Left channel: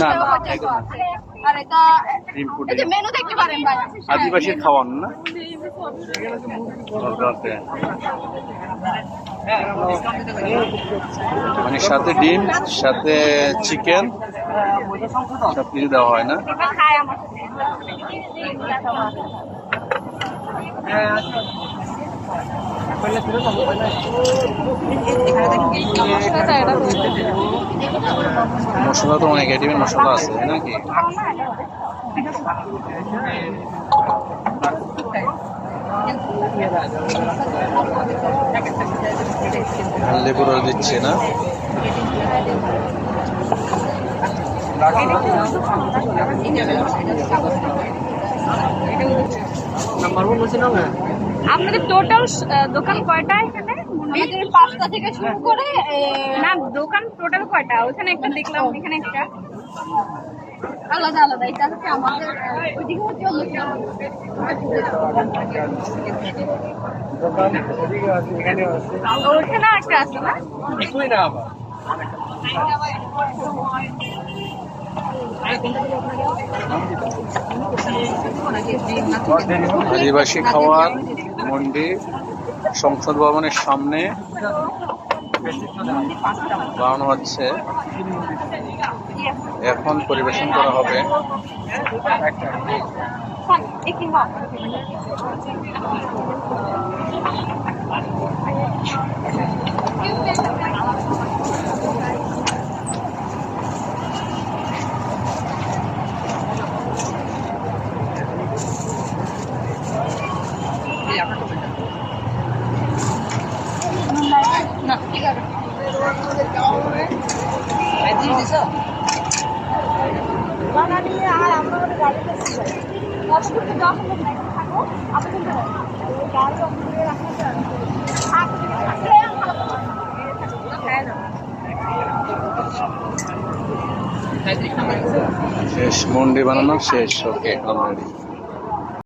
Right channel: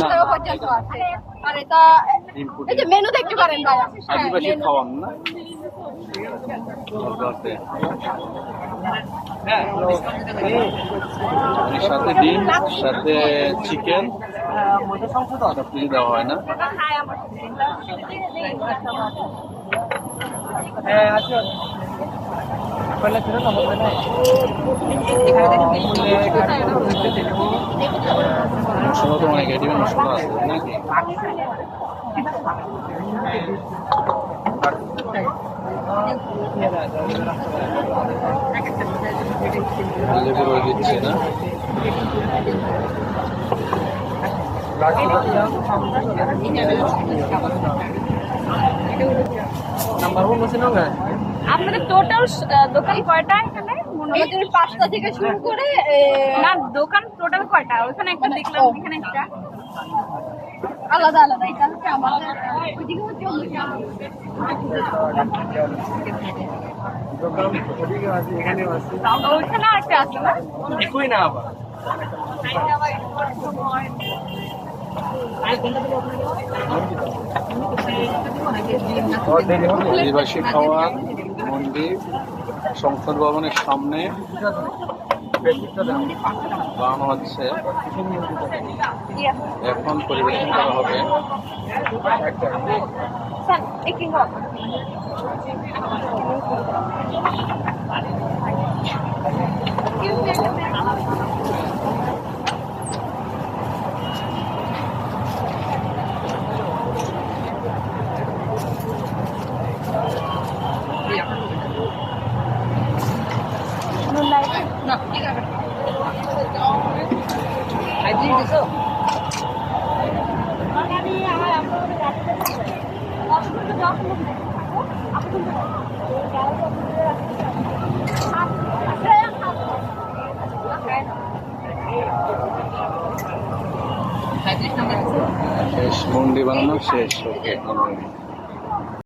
না, না, আর এটা ডিম এই পুডিং যে মেনু দেখতে পারেন ভাই আদিবাসী খাওয়ান না মানে সাথে ডিম সাথে চিকেন সব কিছু দেওয়া হয় না খায় আমার মশলা তো অনেক আইটেমের মশলা আছে নাকি লেবু রস দিচ্ছে না আপনাদের টোটাল দোকান কয়টা এখানে আমাদের 5টা থেকে শুরু করে না দোকান টোটাল কয়টা ওখানে একটা দেখলাম এখানে একটা আলাদা আলাদা এটা হচ্ছে আমাদের ওইদিকে হচ্ছে ওইখানে একটা আছে না একই না আবার আদিবাসী খাওয়ার মন্দির সংসদ ভবনের সামনে বানানো হচ্ছে এখন পরিবেশন করা হবে শেষ মন্দির বানানো শেষ ওকে অলরেডি